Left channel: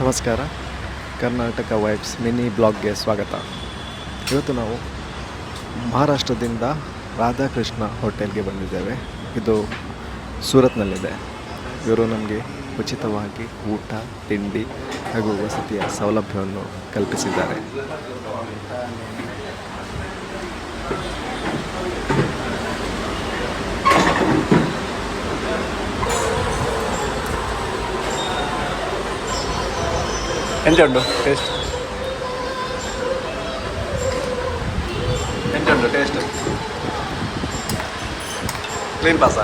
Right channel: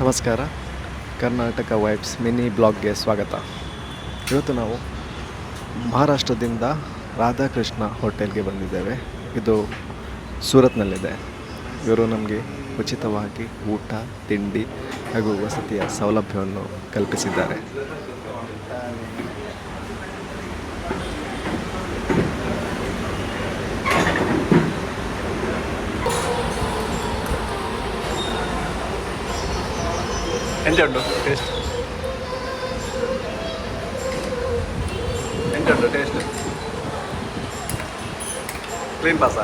ನಮಸ್ಕಾರ. Karnataka vibes mini ಬ್ಲಾಗ್ಗೆ ಸ್ವಾಗತ. ಇವತ್ತು ನಾವು ಮಹಾರಾಷ್ಟ್ರದಿಂದ ರಾಧಾಕೃಷ್ಣ ಹೋಟೆಲ್ಗೆ ಬಂದಿದ್ದೇವೆ. ಇದು ಸೂರತ್ನಲ್ಲಿದೆ. ಇವರು ನಮಗೆ ಉಚಿತವಾಗಿ ಊಟ, ತಿಂಡಿ ಹಾಗೂ ವಸತಿಯ ಸೌಲಭ್ಯವನ್ನು ಕಲ್ಪಿಸಿದ್ದಾರೆ. ಎಂತುಂಟು ಟೇಸ್ಟ್? ಎಂತುಂಟು ಟೇಸ್ಟ್? ಕ್ಲೀನ್ ಪಾಸ?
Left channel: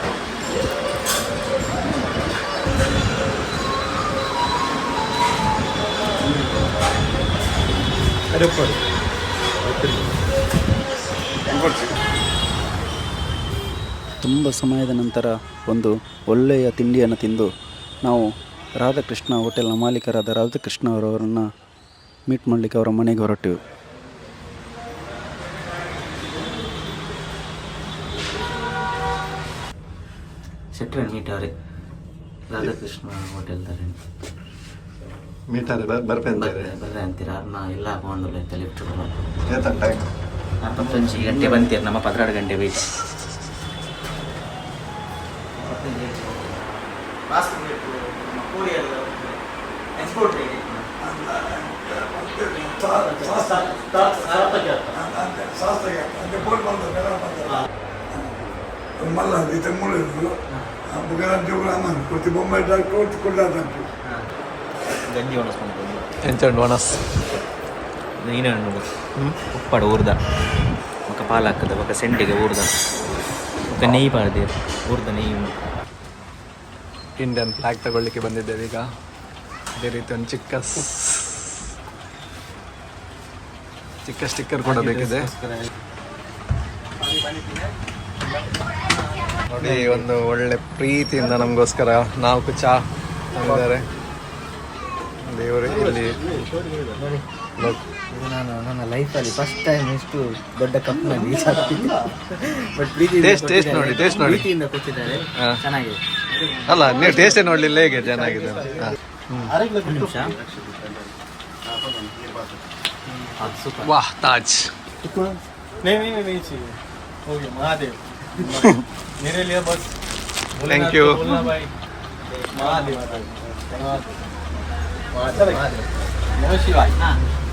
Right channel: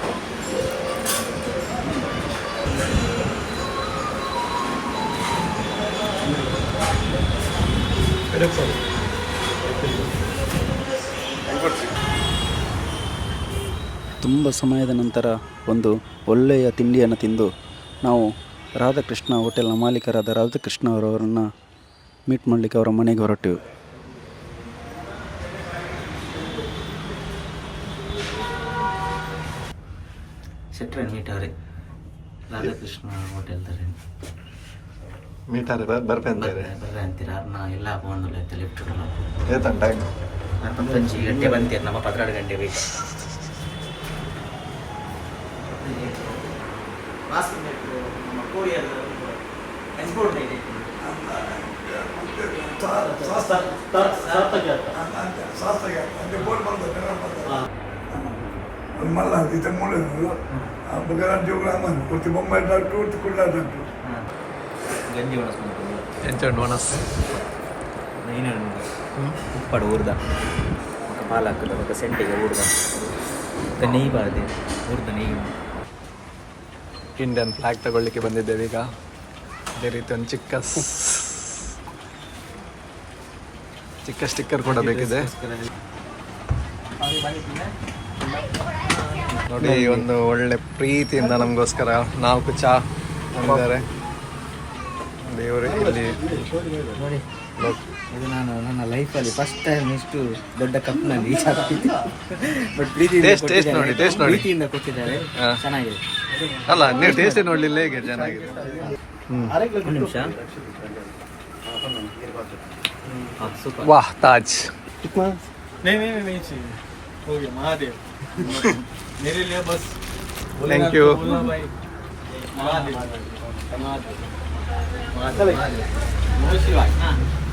ತುಂಬ ಸಮಯದ ನಂತರ ಒಂದು ಒಳ್ಳೆಯ ತಿಂಡಿಯನ್ನು ತಿಂದು ನಾವು ರಾಧಾಕೃಷ್ಣ ಹೋಟೆಲ್ನ ಮಾಲೀಕರಾದ ರಾಧಾಕೃಷ್ಣ ಅವರನ್ನು ಮೀಟ್ ಮಾಡಲಿಕ್ಕೆ ಅವರ ಮನೆಗೆ ಹೊರಟೆವು. ಸಿಟ್ರೆ ಮೀಟವ್ರೆ ರಾಧಾಕೃಷ್ಣ ಹೋಟೆಲ್ ತಾರೆ ಮೀಟಾರೆ ಬರ್ಪೆ ಅಂತಾರೆ ಬರ್ರೆ ಅಂತೀರ ಅರ್ನ ಎಲ್ಲ ಹಾಕೊಂಡಲ್ಲ ಐತೆ ಲಿಫ್ಟ್ ಏತನ್ ಟೈಮ್ 15 ಗಂಟೆ ಬಂತೀರ ನಮ್ಮ 12 ಗಂಟೆ ವೇಟ್ ಎಕ್ಸ್ಪೋರ್ಟ್ ಇದೆ मला तिथे मुलं बघायला जेवढा कोणती बॉम्बे कोणती कुठला ಗಂಜಿ ಒಣಸ್ಕೊಂಡು ಎಂಚಂಡು ವನಸ್ ನೀನು ಉಪ್ಪಡು ಊರ್ದ ఒక ಪಾಲು ಹಾಕದ ఒక ಸೆಂಟಿಗೆ ಊರ್ದ ఒక ನೆಯ್ಯಿ ಮಾಡಿದೆ ಊರ್ದ ನೆಯ್ಯಿ. ಇಂಡಿಯನ್ ಫ್ಲಾಗ್ ತಗೊಳ್ಳಿಕ್ಕೆ ಬಂದಿದ್ದೇವೆ ಈಗ. ಅದೇ ರೀತಿ ಒಂದು ಚಿಕ್ಕ ಸ್ಟಿಕ್ಕರ್ ಕೂಡ ಬೇಕಿದೆ ನೋಡಿ. ಒಂದು ಒಳ್ಳೆ ಪ್ರೀತಿಯಿಂದ ನಮಗೋಸ್ಕರ 4 ಚಾ ತಂದಿದ್ದಾರೆ ದೇವರು. ಇಲ್ಲಿ ಇದು ನಾನು ನನ್ನ ಲೈಫಲ್ಲಿ ಫಸ್ಟ್ ಟೈಮ್ ಇಷ್ಟು ದೊಡ್ಡ ಕಪ್ನಲ್ಲಿ ಬಟ್ ಟೇಸ್ಟ್ ನೋಡಿ ಪ್ರೀತಿಯಿಂದ ಕೊಟ್ಟಿದ್ದಾರೆ. ಚೆನ್ನಾಗಿದೆ. ಅಲ್ಲ, ನೀವು ಟೇಸ್ಟ್ ನೋಡ್ಲಿಲ್ಲ, ಹೇಗೆ ಚೆನ್ನಾಗಿದೆ? ನಿಮಿಷ ವಾಹ್, ತಾಜ್. Thank you.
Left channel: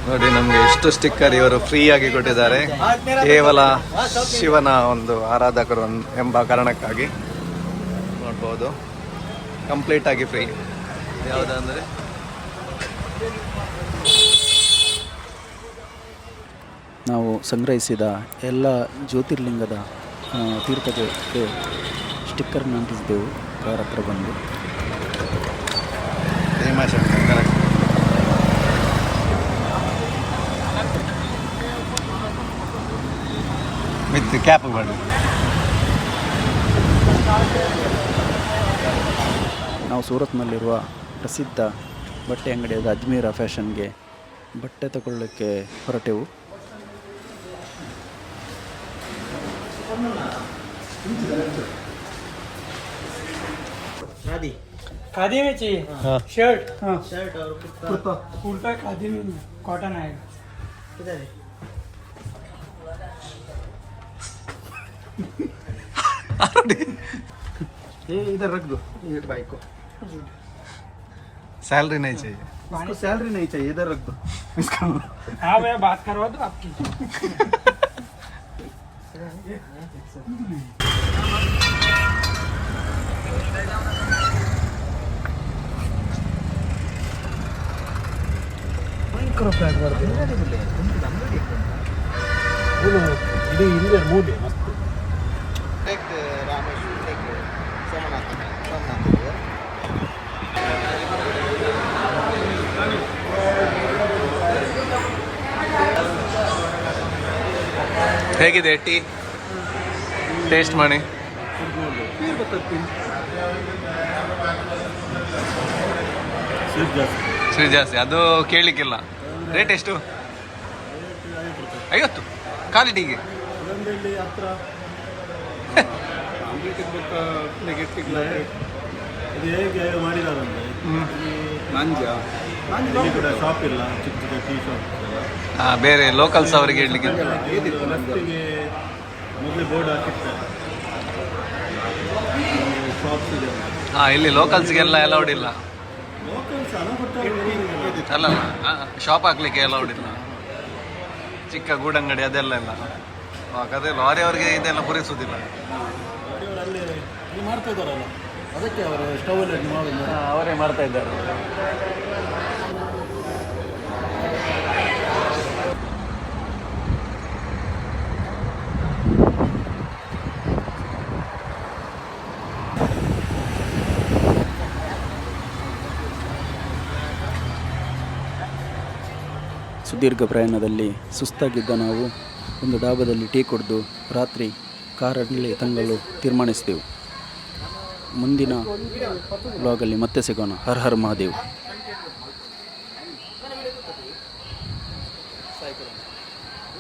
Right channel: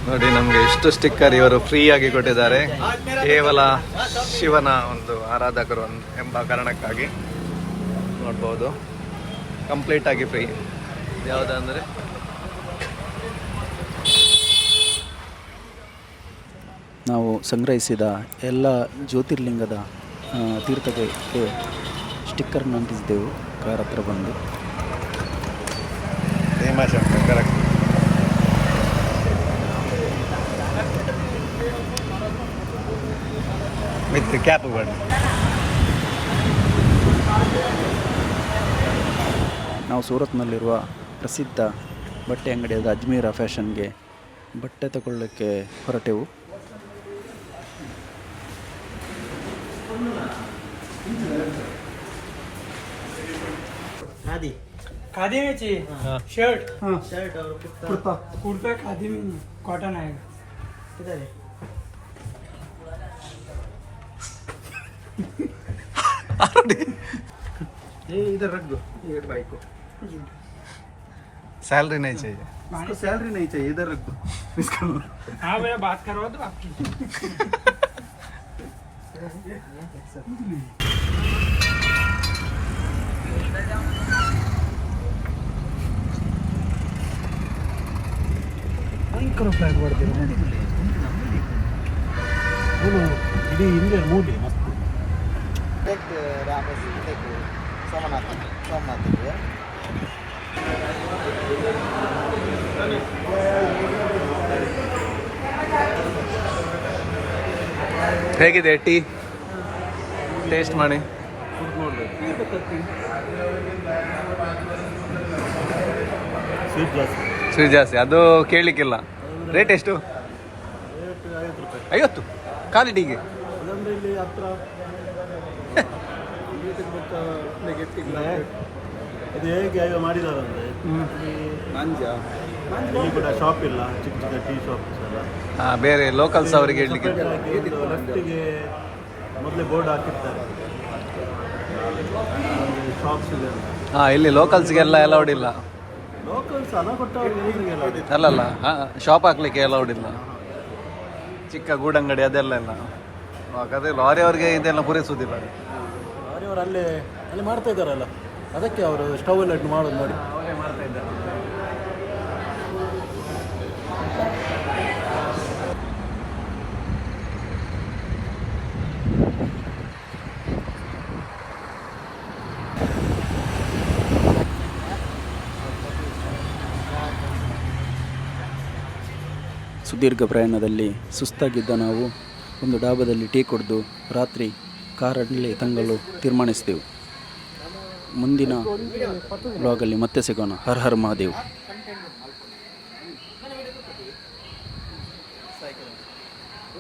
ನೋಡಿ, ನಮಗೆ ಎಷ್ಟು ಸ್ಟಿಕ್ಕರ್ ಇವರು ಫ್ರೀ ಆಗಿ ಕೊಟ್ಟಿದ್ದಾರೆ. ಕೇವಲ ಶಿವನ ಒಂದು ಆರಾಧಕರು ಎಂಬ ಕಾರಣಕ್ಕಾಗಿ ನೋಡ್ಬೋದು. ಕಂಪ್ಲೀಟ್ ಆಗಿ ಫ್ರೀ. ಯಾವುದಂದ್ರೆ ನಾವು ಸಂಗ್ರಹಿಸಿದ ಎಲ್ಲ ಜ್ಯೋತಿರ್ಲಿಂಗದ ತೀರ್ಥಕ್ಕೆ ಸ್ಟಿಕ್ಕರ್ನ ಅಂಟಿಸಿದೆವು ಕಾರ್ ಹತ್ರ ಬಂದು. ಭೀಮಾಶಂಕರ್ ಕರೆಕ್ಟ್. ವಿತ್ ಕ್ಯಾಪ್ ಬನ್ನಿ. ನಾವು ಸೂರತ್ನಲ್ಲಿರುವ ಪ್ರಸಿದ್ಧ ಬಟ್ಟೆ ಅಂಗಡಿಯಾದ ಅಜ್ಮೀರ ಫ್ಯಾಷನ್ಗೆ ಬಟ್ಟೆ ತಗೊಳ್ಳೋಕ್ಕೆ ಹೊರಟೆವು. खादी में चाहिए? शर्ट शर्ट और कुर्ता खादी में कॉटन आएगा. किधर है? ये इधर रख दो ये बाइक को. सैलरी नहीं चाहिए. इसको सैलरी नहीं चाहिए, इधर रख दो इसका. हाँ, मैं बात करवा दो आपकी. ಭಯಂಕರ ಫ್ಲಾಟ್ ಬರ್ತೀವಿ. ಇದು ಹಿಂದೆ ಮೂಡಿ ಹೇಗಿದೆ ಟೀ? ಟೇಸ್ಟ್ ಮಾಡಿ. ಸ್ವೀಟ್ ಜಾಸ್ತಿ, ಅದು ಕೇಳಲಿಕ್ಕಿಲ್ಲ. ರೇಟ್ ಎಷ್ಟು? 50 ಖಾಲಿ ಟೀಗೆ. ಇದು ಹೇಗೆ ಮಾಡಿದಾರಂದ್ರೆ ಮಂಜ ಇಲ್ಲಿ ಕೂಡ ಶಾಪ್ ಇಲ್ಲ, ಚಿಕ್ಕ ಚಿಕ್ಕ ಟೀ ಶಾಪ್ಸ್ ಎಲ್ಲ. ಬೇರೆ ಲೋಕಲ್ಸ್ ಅವರಿಗೆ ಇಡ್ಲಿಕ್ಕೆ ಲೆಫ್ಟಿಗೆ ಮೊದಲೇ ಬೋರ್ಡ್ ಹಾಕಿರ್ತಾರೆ, ಶಾಪ್ಸ್ ಇದೆ. ಇಲ್ಲಿ ಲೋಕಲ್ಸ್ಗೆಲ್ಲ ಅಲೌಡ್ ಇಲ್ಲ. ಲೋಕಲ್ಸ್ ಹಣ ಕೊಟ್ಟವ್ರಿಗೆ ಅಲ್ಲಲ್ಲ ಶಾಪ್ ಹಾಕ್ಲಿಕ್ಕೆ ಅಲೌಡ್ ಇಲ್ಲ. ಚಿಕ್ಕ ಗೂಡಂಗಡಿ ಅದೆಲ್ಲ ಇಲ್ಲ. ಅದೇ ಲಾರಿ ಅವ್ರಿಗೆ ಇದೆಲ್ಲ ಪೂರೈಸುವುದಿಲ್ಲ. ಅವರು ಅಲ್ಲೇ ಅಲ್ಲಿ ಮಾಡ್ತಾ ಇದ್ದಾರಲ್ಲ, ಅದಕ್ಕೆ ಅವರು ಸ್ಟವ್ ಎಲ್ಲ ಮಾಡೋದು ನೋಡಿ. ಅವರೇ ಮಾಡ್ತಾ ಇದ್ದಾರೆ. ಸುದೀರ್ಘ ಪ್ರಯಾಣದಲ್ಲಿ ಸುಸ್ತಾಗಿದ್ದ ನಾವು ಒಂದು ಡಾಬಾದಲ್ಲಿ ಟೀ ಕುಡಿದು ರಾತ್ರಿ ಕಾರಲ್ಲಿ ತಂಗಲು ತೀರ್ಮಾನಿಸಿದೆವು. ಮುಂದಿನ ವ್ಲಾಗಲ್ಲಿ ಮತ್ತೆ ಸಿಗೋಣ. ಹರ್ ಹರ್ ಮಹಾದೇವ್.